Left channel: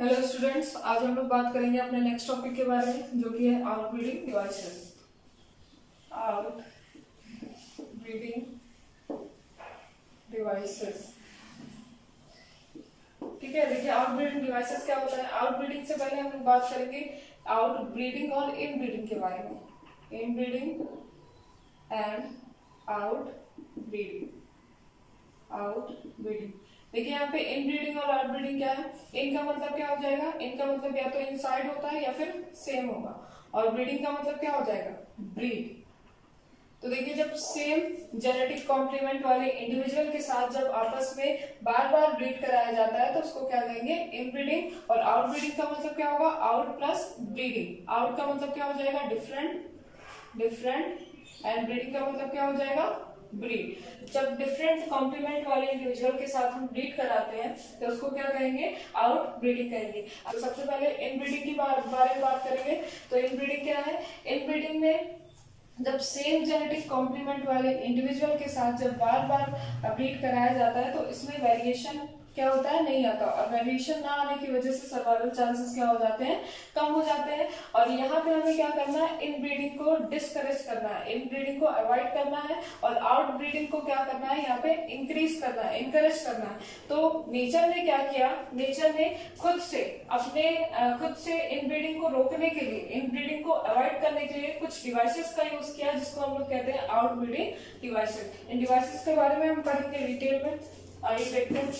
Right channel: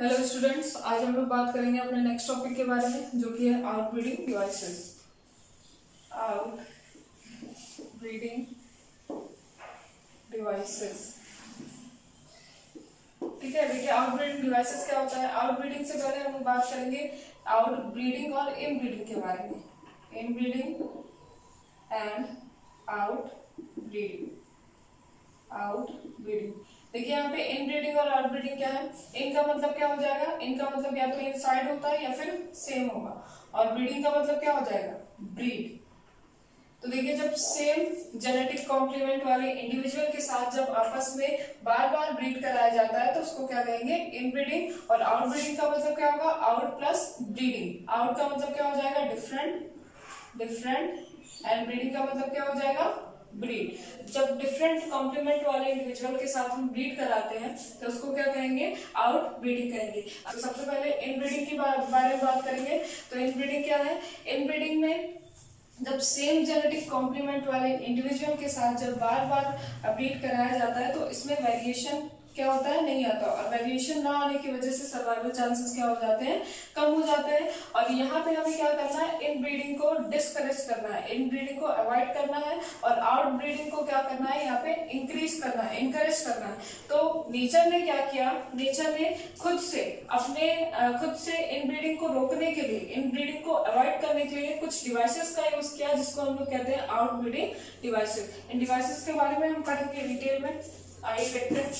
Hello students, आज हम लोग बात करेंगे अपने नेक्स्ट टॉपिक के बारे में, जो कि है आउटब्रीडिंग डिवाइसेस। आउटब्रीडिंग डिवाइसेस, ठीक है। देखिए, आउटब्रीडिंग डिवाइसेस क्या होता है। आउटब्रीडिंग से पहले हम लोग बात करेंगे आउटब्रीडिंग और इनब्रीडिंग के बारे में। Inbreeding and outbreeding. देखिए यहाँ पे इनब्रीडिंग और आउटब्रीडिंग क्या है। इनका मतलब क्या हो जाएगा, इनका मतलब या तो इनसाइड होता है या फिर सेम होगा। और ब्रीडिंग का मतलब क्या हो जाएगा, ब्रीड। तो देखिए, जब सेम जेनेटिक कॉम्प्लीमेंट वाले इंडिविजुअल के साथ जब आपस में बार बार ब्रीड कराया जाता है तो उसको क्या कहेंगे, इनब्रीडिंग। और आउटब्रीडिंग का मतलब क्या होगा, आउट प्लस ब्रीडिंग। आउट का मतलब क्या हो जाएगा, डिफरेंट एंड ब्रीडिंग का मतलब क्या हो जाएगा, ब्रीड। जब डिफरेंट कॉम्प्लीमेंट वाले इंडिविजुअल के साथ हम ब्रीड कराते हैं तो उसको क्या कहेंगे, आउट ब्रीडिंग कहेंगे। तो सबसे पहले इनब्रीडिंग के बारे में बात करेंगे। तो इनब्रीडिंग क्या है। इनब्रीडिंग में जब सेम जेनेटिक कॉम्प्लीमेंट वाले इंडिविजुअल के साथ जब बार बार ब्रीड कराया जाता है तो इसमें वेरिएशन क्या होता है, नहीं आता। और वेरिएशन ना आने की वजह से सर्वाइवल चांसेस क्या हो जाते हैं, कम हो जाते हैं। और यहाँ पे हमें क्या करना है, इन ब्रीडिंग को डिस्करेज करना है, इन ब्रीडिंग को अवॉइड करना है। और आउट ब्रीडिंग को क्या करना है, यहाँ पे इंक्रीज करना है, इंकरेज करना है। तो नेचर ने क्या किया, नेचर ने खुद से इन ब्रीडिंग को रोकने के लिए, इन ब्रीडिंग को अवॉइड करने के लिए कुछ डिवाइसेस का यूज किया, जिसको हम लोग कहते हैं आउट ब्रीडिंग डिवाइसेस। इन डिवाइसेस के बारे में हम पढ़ेंगे डिटेल में। आइए देखते हैं।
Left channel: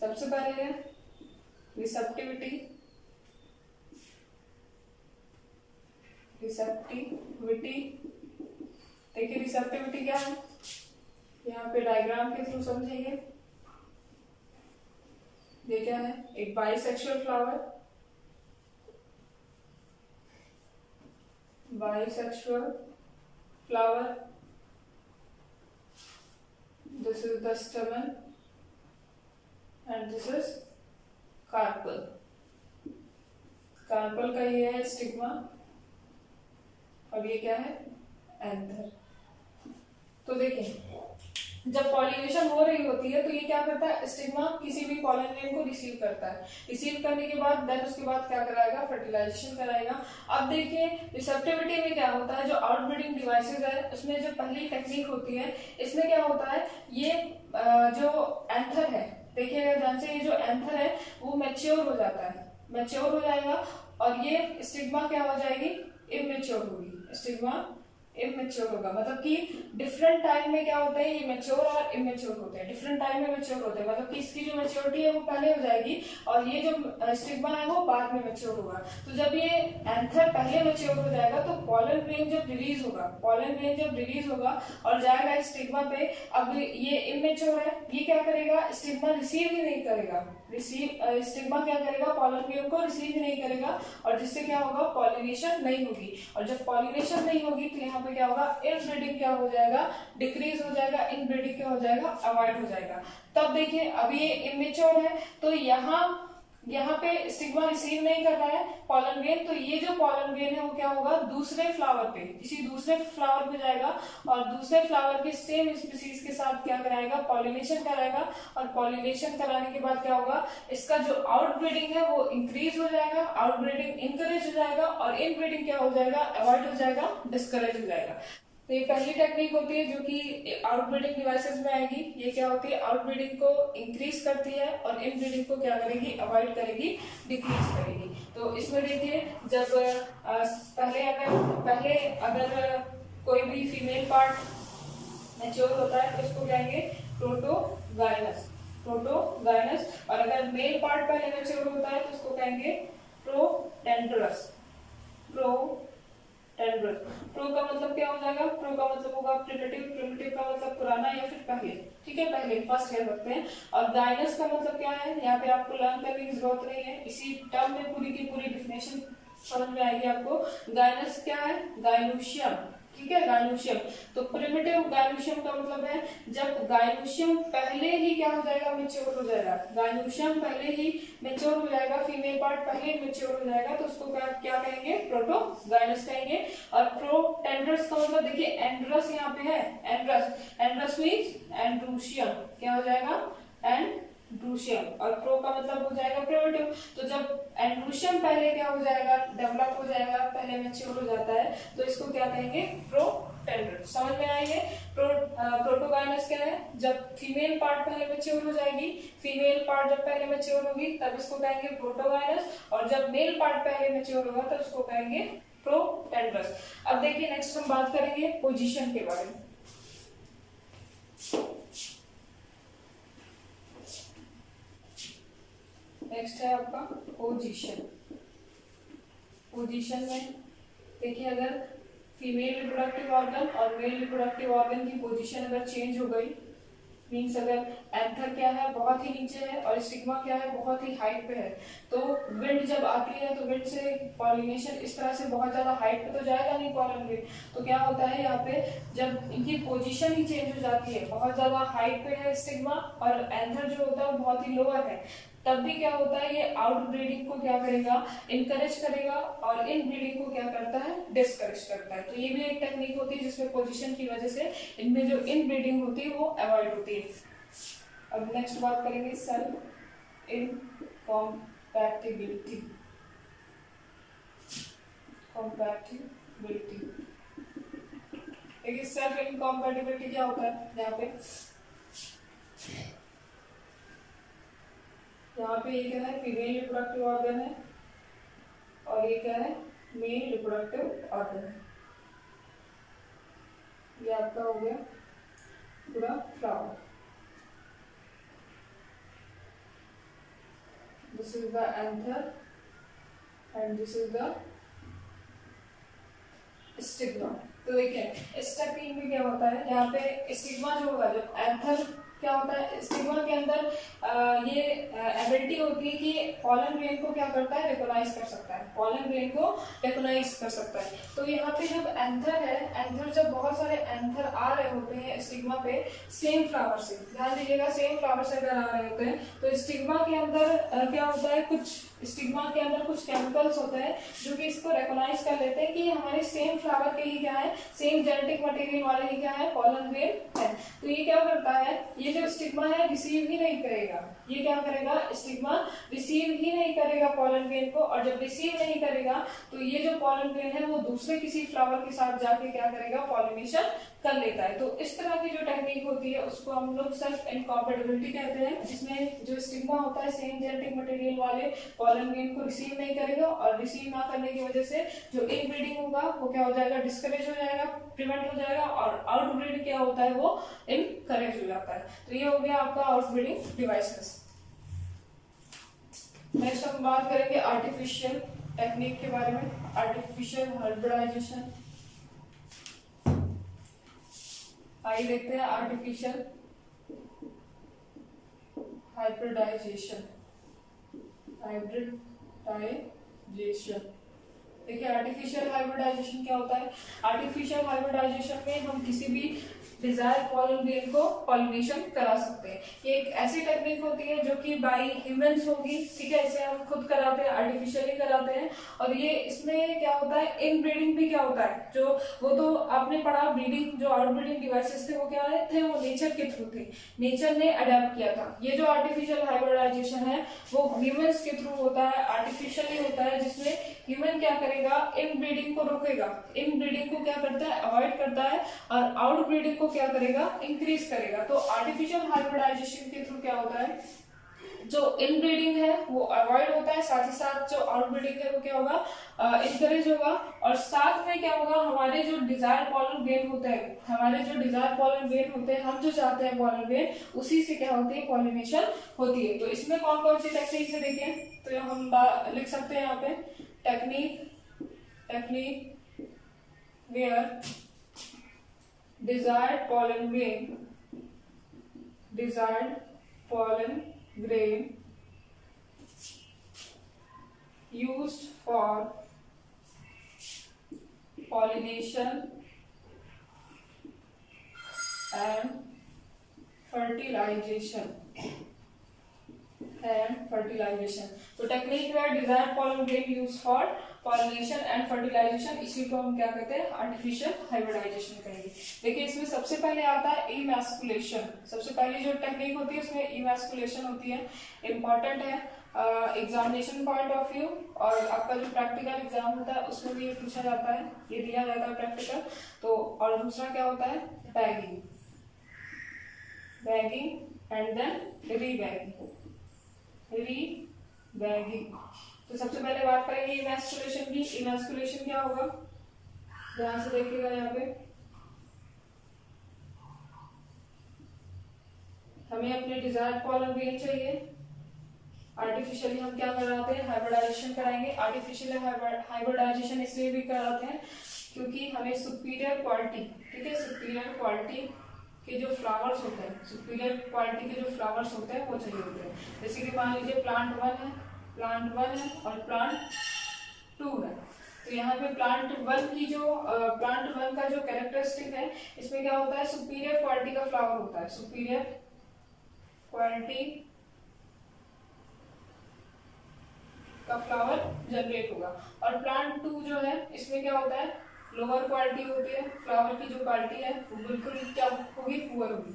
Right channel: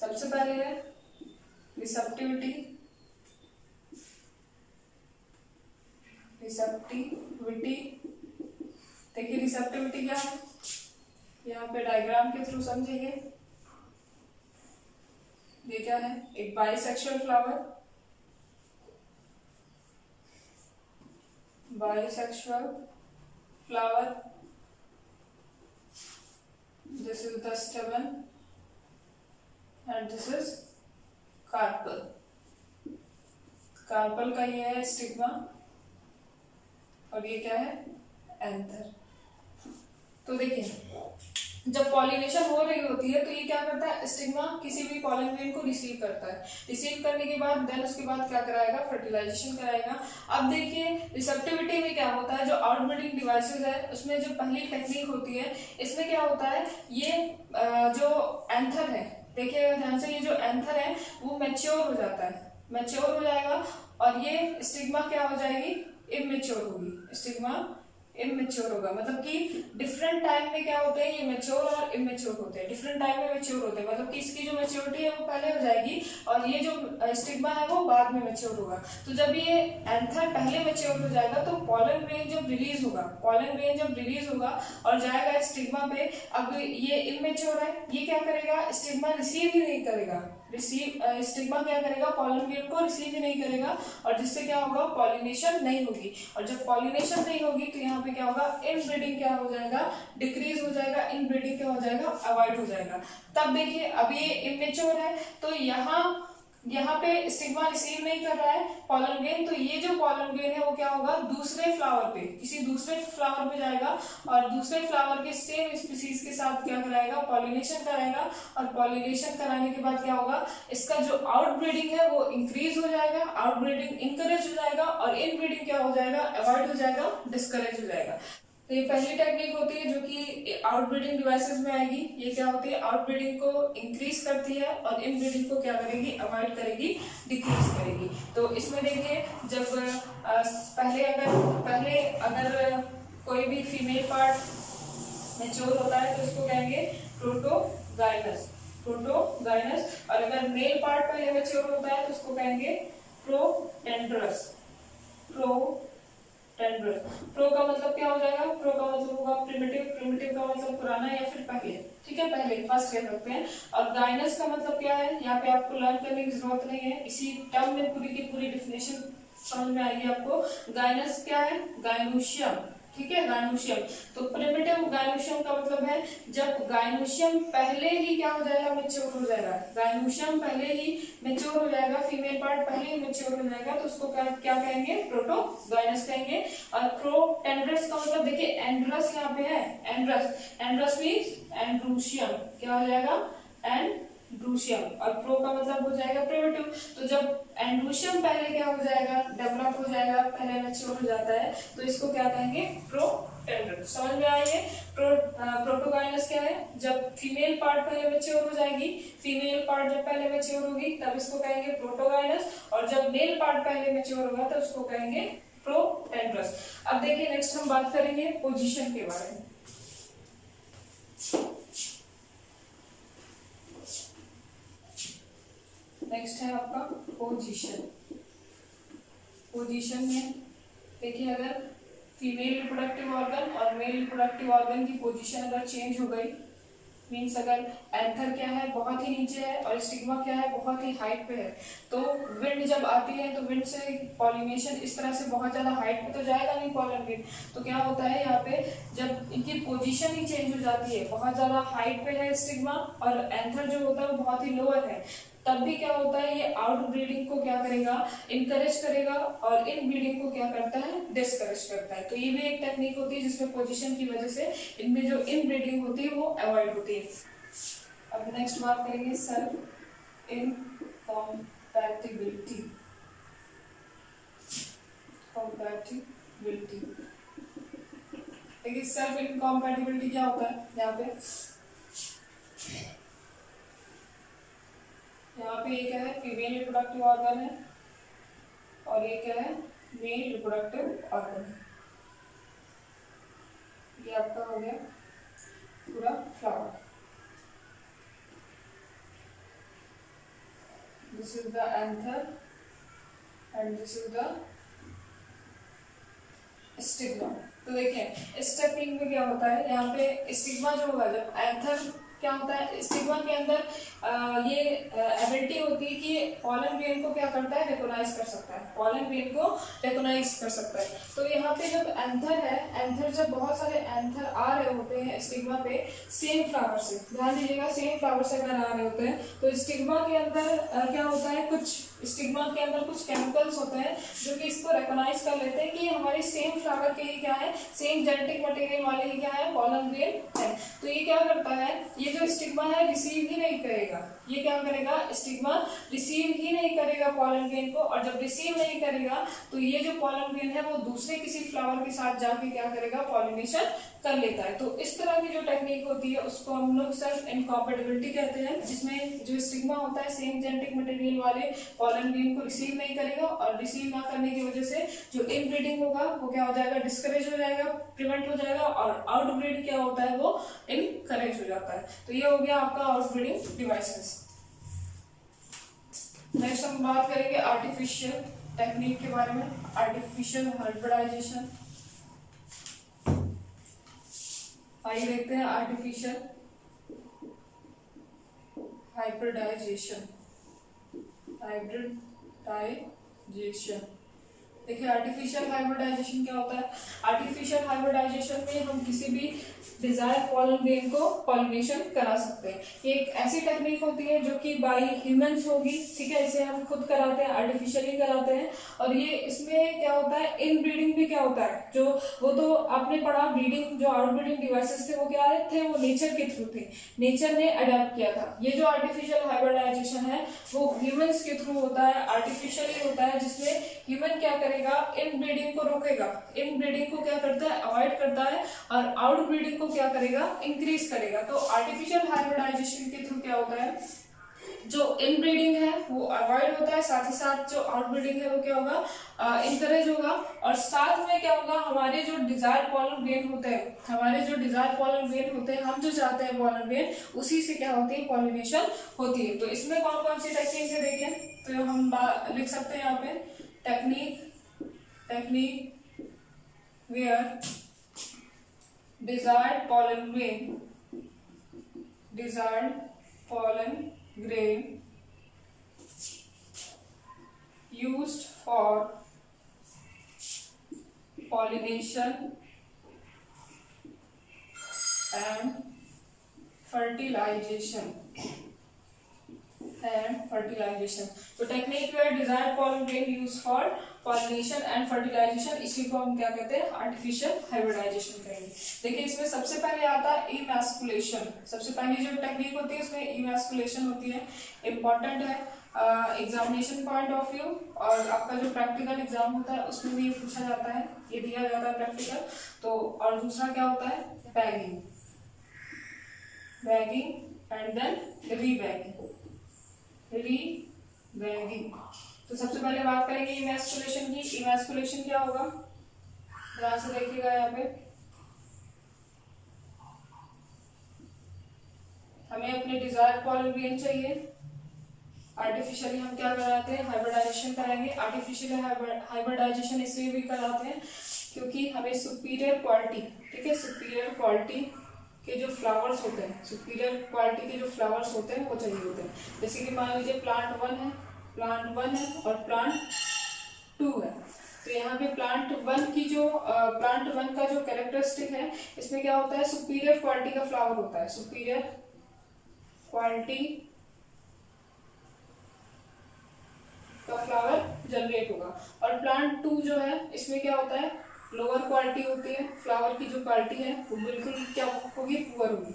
सबसे पहले है रिसेप्टिविटी। देखिए रिसेप्टिविटी क्या है, यहाँ पे डायग्राम के थ्रू समझिए। ये क्या है, एक bisexual flower, this is the stamen and this is carpel का ये है स्टिग्मा, और ये क्या है, एंथर। तो देखिए, जब पॉलिनेशन हो रही होती है तो ये क्या करता है, स्टिग्मा किसी भी पॉलन ग्रेन को रिसीव करता है। रिसीव करने के बाद देन उसके बाद क्या कराएगा, फर्टिलाइजेशन कराएगा। अब देखिए रिसेप्टिविटी में क्या होता है, जो आउटब्रीडिंग डिवाइसेस है उसमें जो पहली टेक्निक होती है, इसमें क्या होता है, ये जो एंथर है, देखिएगा ध्यान से, ये जो एंथर है वो मैच्योर हो जाता है, मैच्योर हो जाएगा। और ये स्टिग्मा क्या हो जाएगी, इमेच्योर होगी। स्टिग्मा इमेच्योर होगा, मतलब कि डिफरेंट टाइम में क्या होते हैं, ये मैच्योर और इमेच्योर होते हैं। डिफरेंट टाइम में मैच्योर होते हैं, मतलब कि इसकी जो मैच्योरिटी है वो पहले हो जाएगी और ये जो स्टिग्मा है वो बाद में मैच्योर होगा। तो जब ये एंथर पहले मैच्योर हो जाएगा तो पॉलन ग्रेन जब रिलीज होगा और जाएगा स्टिग्मा पे। अब ये इमेच्योर है, ये क्या करेगा, स्टिग्मा रिसीव ही नहीं करेगा। स्टिग्मा क्या करेगा, पॉलन ग्रेन को रिसीव ही नहीं करेगा, और जिससे क्या होगा, पॉलिनेशन नहीं होगी। और जब पॉलिनेशन नहीं होगी तो यहाँ पे क्या होगा, इनब्रीडिंग क्या हो जाएगा, डिक्रीज हो जाएगा। इनब्रीडिंग क्या हो जाएगा, अवॉइड हो जाएगा। तब देखिए, अब ये इमेच्योर है तो यहाँ पे स्टिग्मा रिसीव नहीं कर रहा है पॉलन ग्रेन, तो ये जो पॉलन ग्रेन है वो क्या होगा, दूसरे फ्लावर पे, किसी दूसरे फ्लावर पे जाएगा और दूसरे फ्लावर के सेम स्पीसीज के साथ क्या कराएगा, पॉलिनेशन कराएगा। और पॉलिनेशन कराने के बाद क्या होगा, इसका जो आउटब्रीडिंग है वो इंक्रीज हो जाएगा, आउटब्रीडिंग इंकरेज हो जाएगा, और इनब्रीडिंग क्या हो जाएगा, अवॉइड हो जाएगा, डिस्करेज हो जाएगा। तो ये पहली टेक्निक होती है जो कि आउटब्रीडिंग डिवाइसेस में आएगी। ये क्या होती है, आउटब्रीडिंग को इंक्रीज करती है और इनब्रीडिंग को क्या करेगी, अवॉइड करेगी, डिक्रीज करेगी। तो इसमें देखिए, जब पहले अगर कोई भी फीमेल पार्ट मैच्योर होता है तो इसको कहेंगे प्रोटोगाइनस, और अगर मेल पार्ट पहले मैच्योर होता है तो इसको कहेंगे प्रोटेंडरस। प्रो का मतलब क्या हो जाएगा, प्रो का मतलब होगा प्रिमिटिव का मतलब पुराना या फिर पहले, ठीक है, पहले फर्स्ट कह सकते हैं। और गाइनस का मतलब क्या है, यहाँ पे आपको लर्न करने की जरूरत नहीं है, इसी टर्म में पूरी की पूरी डिफिनेशन समझ में आएगी आपको। गाइनस क्या है, गाइनोशियम, ठीक है, गायनोशियम। तो प्रिमिटिव गायनोशियम का मतलब है जब गायनोशियम पहले ही क्या हो जाएगा, मेच्योर हो जाएगा, गायनोशियम पहले ही मेच्योर हो जाएगा, फीमेल पार्ट पहले ही मेच्योर हो जाएगा, तो उसको क्या कहेंगे, प्रोटोगायनस कहेंगे। और प्रोटेंड्रस का मतलब देखिए एंड्रस यहाँ पे है, एंड्रस मीन्स एंड्रूशियम, क्या हो जाएगा, एंड्रूशियम। और प्रो का मतलब हो जाएगा प्रिमिटिव। तो जब एंड्रूशियम पहले क्या हो जाएगा, डेवलप हो जाएगा, पहले मैच्योर हो जाता है, तो इसको क्या कहेंगे, प्रोटेंड्रस। समझ में आइए, प्रोटोगायनस क्या है, जब फीमेल पार्ट पहले मैच्योर हो जाएगी, फीमेल पार्ट जब पहले मैच्योर होगी तब इसको कहेंगे प्रोटोगायनस, और जब मेल पार्ट पहले मैच्योर होगा तब इसको कहेंगे प्रोटेंड्रस। अब देखिए नेक्स्ट हम बात करेंगे पोजीशन के बारे में। नेक्स्ट है आपका पोजीशन। पोजीशन में देखिए अगर फीमेल रिप्रोडक्टिव ऑर्गन और मेल रिप्रोडक्टिव ऑर्गन की पोजीशन अगर चेंज हो गई, मीन्स अगर एंथर क्या है बहुत ही नीचे है और स्टिग्मा क्या है बहुत ही हाइट पे है, तो विंड जब आती है तो विंड से पॉलिनेशन इस तरह से बहुत ज्यादा हाइट पे तो जाएगा नहीं पॉलन ग्रेन, तो क्या होता है यहाँ पे जब इनकी पोजीशन ही चेंज हो जाती है, बहुत ज्यादा हाइट पे है स्टिग्मा और एंथर जो होता है वो बहुत ही लोअर है, तब भी क्या होता है ये आउट ब्रीडिंग को क्या करेगा, इनकरेज करेगा, और इन ब्रीडिंग को क्या करता है, डिस्करेज करता है। तो ये भी एक टेक्निक होती है जिसमें पोजीशन की वजह से इनमें जो इन ब्रीडिंग होती है वो अवॉइड होती है। अब नेक्स्ट बात करेंगे सेल्फ इनकॉम्पैटिबिलिटी। देखिए सेल्फ इनकॉम्पैटिबिलिटी क्या होता है, यहाँ पे ये क्या है, फीमेल रिप्रोडक्टिव ऑर्गन है और ये क्या है, मेल रिप्रोडक्टिव ऑर्गन है। ये आपका हो गया पूरा flower. This is the anther and this is the stigma. तो देखिए इस टेक्निक में क्या होता है, यहाँ पे स्टिग्मा जो होगा, जब एंथर क्या होता है, स्टिग्मा के अंदर ये एबिलिटी होती है कि पॉलन ग्रेन को क्या करता है, रिकॉग्नाइज कर सकता है, पॉलन ग्रेन को रिकॉग्नाइज कर सकता है। तो यहाँ पे जब एंथर है, एंथर जब बहुत सारे एंथर आ रहे होते हैं स्टिग्मा पे सेम फ्लावर से, ध्यान दीजिएगा सेम फ्लावर से अगर आ रहे होते हैं, तो स्टिग्मा के अंदर क्या होता है, कुछ स्टिग्मा के अंदर कुछ केमिकल्स होते हैं जो कि इसको रिकॉग्नाइज कर लेते हैं कि हमारे सेम फ्लावर के ही क्या है, सेम जेनेटिक मटेरियल वाले ही क्या है, पॉलन ग्रेन है। तो ये क्या करता है, ये जो स्टिग्मा है रिसीव ही नहीं करेगा, ये क्या करेगा, स्टिग्मा रिसीव ही नहीं करेगा पॉलन ग्रेन को, और जब रिसीव नहीं करेगा तो ये जो पॉलन ग्रेन है वो दूसरे किसी फ्लावर के साथ जाके क्या करेगा, पॉलिनेशन कर लेता है। तो इस तरह की जो टेक्निक होती है उसको हम लोग सेल्फ इनकॉम्पैटिबिलिटी कहते हैं, जिसमें जो स्टिग्मा होता है सेम जेनेटिक मटेरियल वाले पॉलन ग्रेन को रिसीव नहीं करेगा, और रिसीव ना करने की वजह से जो इनब्रीडिंग होगा वो क्या हो जाएगा, डिस्करेज हो जाएगा, प्रिवेंट हो जाएगा, और आउटब्रीड क्या होता है वो इनकरेज हो जाता है। तो ये हो गया आपका आउटब्रीडिंग डिवाइसेस। नेक्स्ट हम बात करेंगे आर्टिफिशियल टेक्निक के बारे में, आर्टिफिशियल हाइब्रिडाइजेशन। आइए देखते हैं आर्टिफिशियल हाइब्रिडाइजेशन। देखिए आर्टिफिशियल हाइब्रिडाइजेशन क्या होता है, आर्टिफिशियल हाइब्रिडाइजेशन में हम किसी भी डिजायर पॉलन ग्रेन को पॉलिनेशन करा सकते हैं। ये एक ऐसी टेक्निक होती है जो कि बाय ह्यूमंस होगी, ठीक है, इसे हम खुद कराते हैं, आर्टिफिशियली कराते हैं। और ये इसमें क्या होता है, इन ब्रीडिंग भी क्या होता है, जो वो तो आपने पढ़ा, ब्रीडिंग जो आउट ब्रीडिंग डिवाइसेस थे वो क्या थे, वो नेचर के थ्रू थे, नेचर ने अडेप्ट किया था। ये जो आर्टिफिशियल हाइब्रिडाइजेशन है वो ह्यूमंस के थ्रू होता है, आर्टिफिशियली होता है, जिसमें ह्यूमन क्या करेगा, इन ब्रीडिंग को रोकेगा, इन ब्रीडिंग को क्या करता है, अवॉइड करता है, और आउट ब्रीडिंग को क्या करेगा, इंक्रीज करेगा। तो आर्टिफिशियल हाइब्रिडाइजेशन के थ्रू क्या होता है, जो इनब्रीडिंग है वो अवॉइड होता है, साथ ही साथ जो आउटब्रीडिंग है वो क्या होगा, इंकरेज होगा, और साथ में क्या होगा, हमारे जो डिजायर पॉलन ग्रेन होते हैं, हमारे जो डिजायर पॉलन ग्रेन होते हैं, हम जो चाहते हैं पॉलन ग्रेन, उसी से क्या होती है, पॉलिनेशन होती है। तो इसमें कौन कौन सी टेक्निक है देखिए, तो हम लिख सकते हैं यहाँ पे, technique where desired pollen grain used for pollination and fertilisation तो technique where desired pollen grain use for pollination and fertilisation, इसी को हम क्या कहते हैं, आर्टिफिशियल हाइब्रिडाइजेशन कहेंगे। देखिए इसमें सबसे पहले आता है इमैस्कुलेशन। सबसे पहली जो टेक्निक होती है उसमें इमैस्कुलेशन होती है, इंपॉर्टेंट है एग्जामिनेशन पॉइंट ऑफ व्यू, और आपका जो प्रैक्टिकल एग्जाम होता है उसमें भी ये पूछा जाता है, ये दिया जाता है प्रैक्टिकल। तो और दूसरा क्या होता है, बैगिंग एंड देन रीबैगिंग। तो सबसे पहले बात करेंगे इमैस्कुलेशन की। इमैस्कुलेशन क्या होगा, ध्यान से देखिएगा, यहाँ पे हमें अपने डिजायर्ड पॉलन ग्रेन चाहिए, आर्टिफिशियली हम क्या कराते हैं, हाइब्रिडाइजेशन कराएंगे। आर्टिफिशियल हाइब्रिडाइजेशन इसलिए भी कराते हैं क्योंकि हमें सुपीरियर क्वालिटी, ठीक है, सुपीरियर क्वालिटी के जो फ्लावर्स होते हैं, सुपीरियर क्वालिटी के जो फ्लावर्स होते हैं वो चाहिए होते हैं। जैसे कि मान लीजिए प्लांट 1 है और प्लांट 2 है, तो यहाँ पे प्लांट 1 की जो प्लांट 1 का जो कैरेक्टरिस्टिक है, इसमें क्या होता है, सुपीरियर क्वालिटी का फ्लावर होता है, सुपीरियर क्वालिटी का फ्लावर जनरेट होगा। और प्लांट 2 जो है इसमें क्या होता है, लोअर क्वालिटी होती है, फ्लावर की जो क्वालिटी है वो बिल्कुल क्या होगी, पुअर होगी,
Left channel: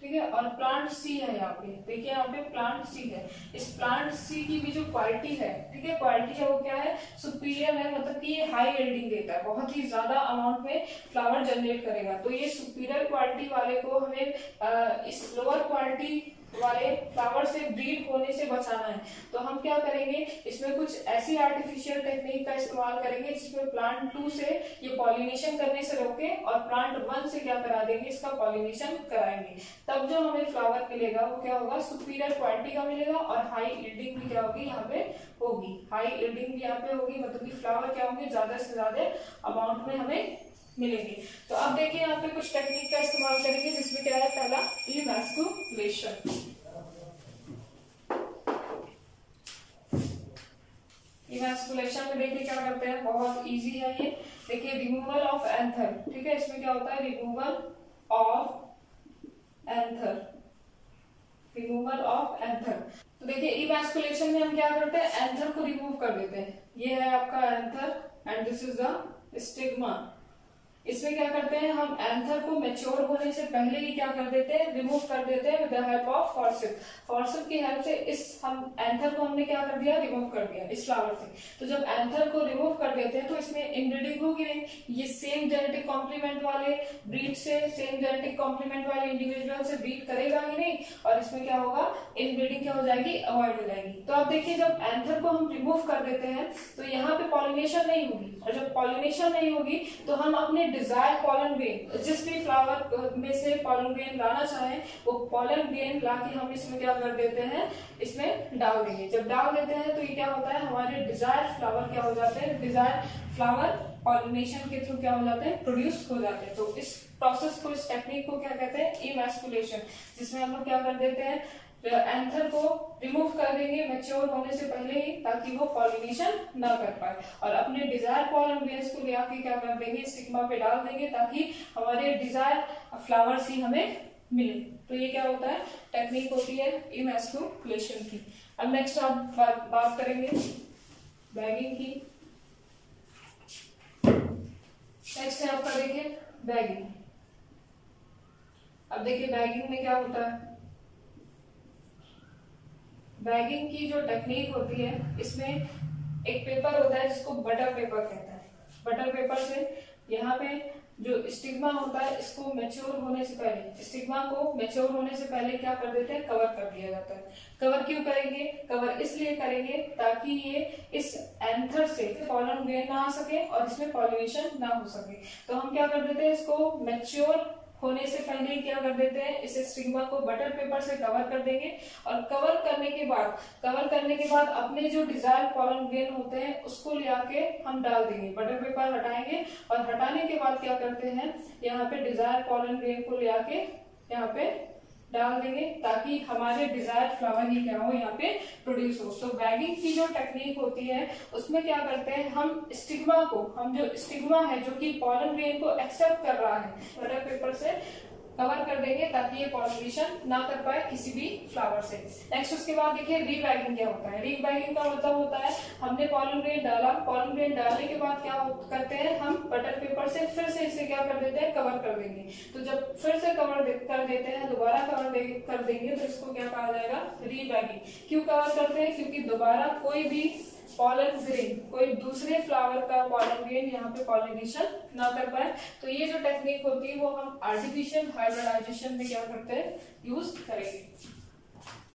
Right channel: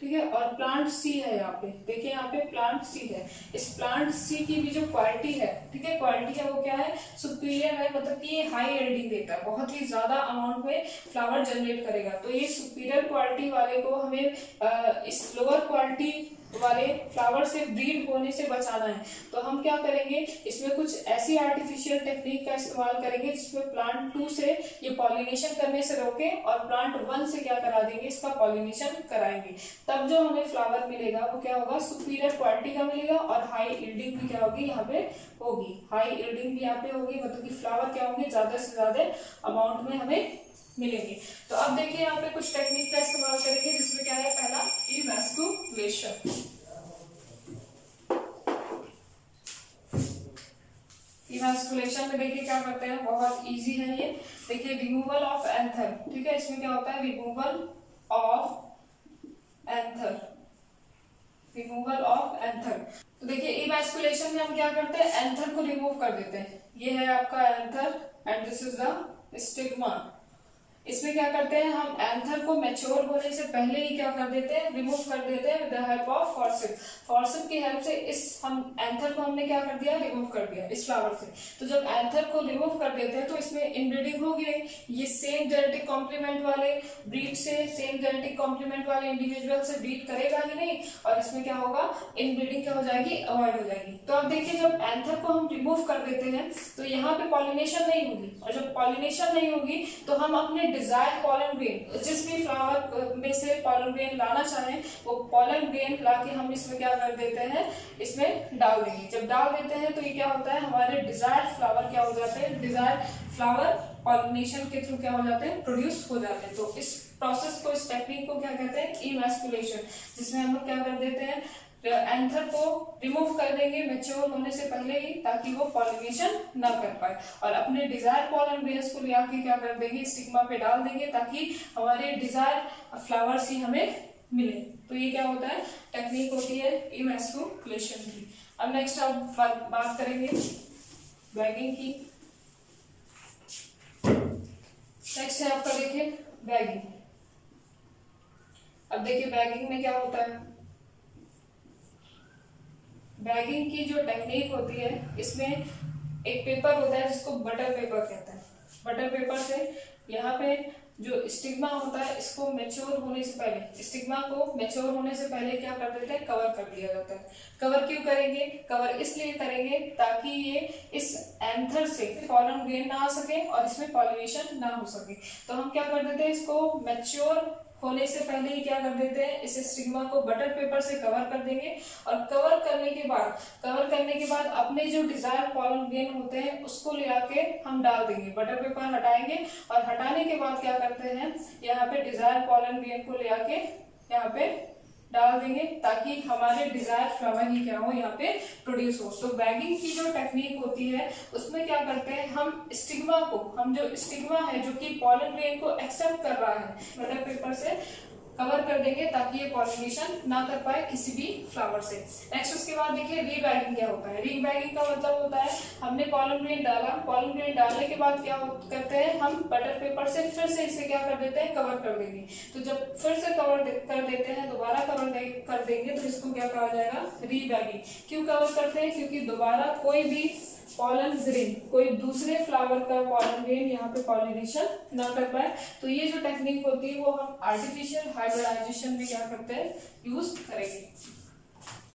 ठीक है। और प्लांट सी है, यहाँ पे देखिए, यहाँ पे प्लांट सी है, इस प्लांट सी की भी जो क्वालिटी है, ठीक है, क्वालिटी है वो क्या है, सुपीरियर है, मतलब कि ये हाई यील्डिंग देता है, बहुत ही ज्यादा अमाउंट में फ्लावर जनरेट करेगा। तो ये सुपीरियर क्वालिटी वाले को हमें इस लोअर क्वालिटी वाले फ्लावर से ब्रीड होने से बचाना है। तो हम क्या करेंगे, इसमें कुछ ऐसी आर्टिफिशियल टेक्निक का इस्तेमाल करेंगे जिसमें प्लांट 2 से ये पॉलिनेशन करने से रोके और प्लांट 1 से क्या करा देंगे, इसका पॉलिनेशन कराएंगे। तब जो हमें फ्लावर मिलेगा वो क्या होगा, सुपीरियर क्वालिटी का मिलेगा, और हाई यील्डिंग भी क्या होगी, यहाँ पे होगी, हाई यील्डिंग भी यहाँ पे होगी, मतलब कि फ्लावर क्या होंगे, ज्यादा से ज्यादा अमाउंट में हमें मिलेंगे। तो अब देखिए यहाँ पे कुछ टेक्निक का इस्तेमाल करेंगे, जिसमें क्या है, पहला इमैस्कुलेशन। इमैस्कुलेशन में देखिए क्या करते हैं, बहुत इजी है ये। देखिए रिमूवल ऑफ एंथर, ठीक है, इसमें क्या होता है, रिमूवल ऑफ एंथर। तो देखिए इमैस्कुलेशन में हम क्या करते हैं, एंथर को रिमूव कर देते हैं। ये है आपका anther and this is the stigma. इसमें क्या करते हैं, हम एंथर को मैच्योर होने से पहले ही क्या कर देते हैं, रिमूव कर देते हैं with the help of forceps. Forceps की हेल्प से इस हम एंथर को हमने क्या कर दिया, रिमूव कर दिया इस फ्लावर से। तो जब एंथर को रिमूव कर देते हैं तो इसमें इनब्रीडिंग होगी नहीं, ये सेम जेनेटिक कॉम्प्लीमेंट वाले ब्रीड से, सेम जेनेटिक कॉम्प्लीमेंट वाले इंडिविजुअल से ब्रीड करेगा ही नहीं, और इसमें क्या होगा, इनब्रीडिंग क्या हो जाएगी, अवॉइड हो जाएगी। तो अब देखिए जब एंथर को हम रिमूव कर देते हैं तो यहाँ पे पॉलिनेशन नहीं होगी, और जब पॉलिनेशन नहीं होगी तो हम अपने डिजायर पॉलन ग्रेन, जिस भी फ्लावर में से पॉलन ग्रेन लाना चाहें वो पॉलन ग्रेन लाके हम इसमें क्या कर देते हैं, इसमें डाल देंगे। जब डाल देते हैं तो ये क्या होता है, हमारे डिजायर फ्लावर क्या हो जाते हैं, डिजायर फ्लावर पॉलिनेशन के थ्रू क्या हो जाते हैं, प्रोड्यूस हो जाते हैं। तो इस प्रोसेस को, इस टेक्निक को क्या कहते हैं, इमैस्कुलेशन, जिसमें हम लोग क्या कर देते हैं, एंथर को रिमूव कर देंगे मैच्योर होने से पहले ही, ताकि वो पॉलिनेशन ना कर पाए, और अपने डिजायर पॉलन ग्रेन्स को ले आके क्या कर देंगे, स्टिग्मा पे डाल देंगे, ताकि हमारे डिजायर फ्लावर्स ही हमें मिले। तो ये क्या होता है, टेक्निक होती है इमैस्कुलेशन की। अब नेक्स्ट आप बात करेंगे बैगिंग की। नेक्स्ट है आपका देखिए बैगिंग। अब देखिए बैगिंग में क्या होता है, बैगिंग की जो टेक्निक होती है इसमें एक पेपर होता है जिसको बटर पेपर कहते हैं। बटर पेपर से यहाँ पे जो स्टिग्मा होता है इसको मैच्योर होने से पहले, स्टिग्मा को मैच्योर होने से पहले क्या कर देते हैं, कवर कर दिया जाता है। कवर क्यों करेंगे, कवर इसलिए करेंगे ताकि ये इस एंथर से पॉलन ग्रेन ना आ सके और इसमें पॉलिनेशन ना हो सके। तो हम क्या कर देते हैं, इसको मैच्योर होने से पहले ही क्या कर देते हैं, इस स्टिग्मा को बटर पेपर से कवर कर देंगे, और कवर करने के बाद अपने जो डिजायर पॉलन ग्रेन होते हैं उसको ले आके हम डाल देंगे, बटर पेपर हटाएंगे, और हटाने के बाद क्या करते हैं, यहाँ पे डिजायर पॉलन ग्रेन को ले आके यहाँ पे डाल देंगे ताकि हमारे डिजायर्ड फ्लावर ही क्या हो यहाँ पे प्रोड्यूस हो। तो बैगिंग की जो टेक्निक होती है उसमें क्या करते हैं, हम स्टिग्मा को, हम जो स्टिग्मा है जो कि पॉलन ग्रेन को एक्सेप्ट कर रहा है, बटर पेपर से कवर कर देंगे ताकि ये पॉलिनेशन ना कर पाए किसी भी फ्लावर से। नेक्स्ट उसके बाद देखिए रीबैगिंग क्या होता है। रीबैगिंग का मतलब होता है हमने पॉलन ग्रेन डाला, पॉलन ग्रेन डालने के बाद क्या करते हैं, हम बटर पेपर से फिर से इसे क्या कर देते हैं, कवर कर देंगे। तो जब फिर से कवर कर देते हैं, दोबारा कवर कर देंगे तो इसको क्या कहा जाएगा, रीबैगिंग। क्यों कवर करते हैं, क्योंकि दोबारा कोई भी पॉलन ग्रेन, कोई दूसरे फ्लावर का पॉलन ग्रेन यहाँ पे पॉलिनेशन ना कर पाए। तो ये जो टेक्निक होती है वो हम आर्टिफिशियल हाइब्रिडाइजेशन में क्या करते हैं, यूज करेंगे।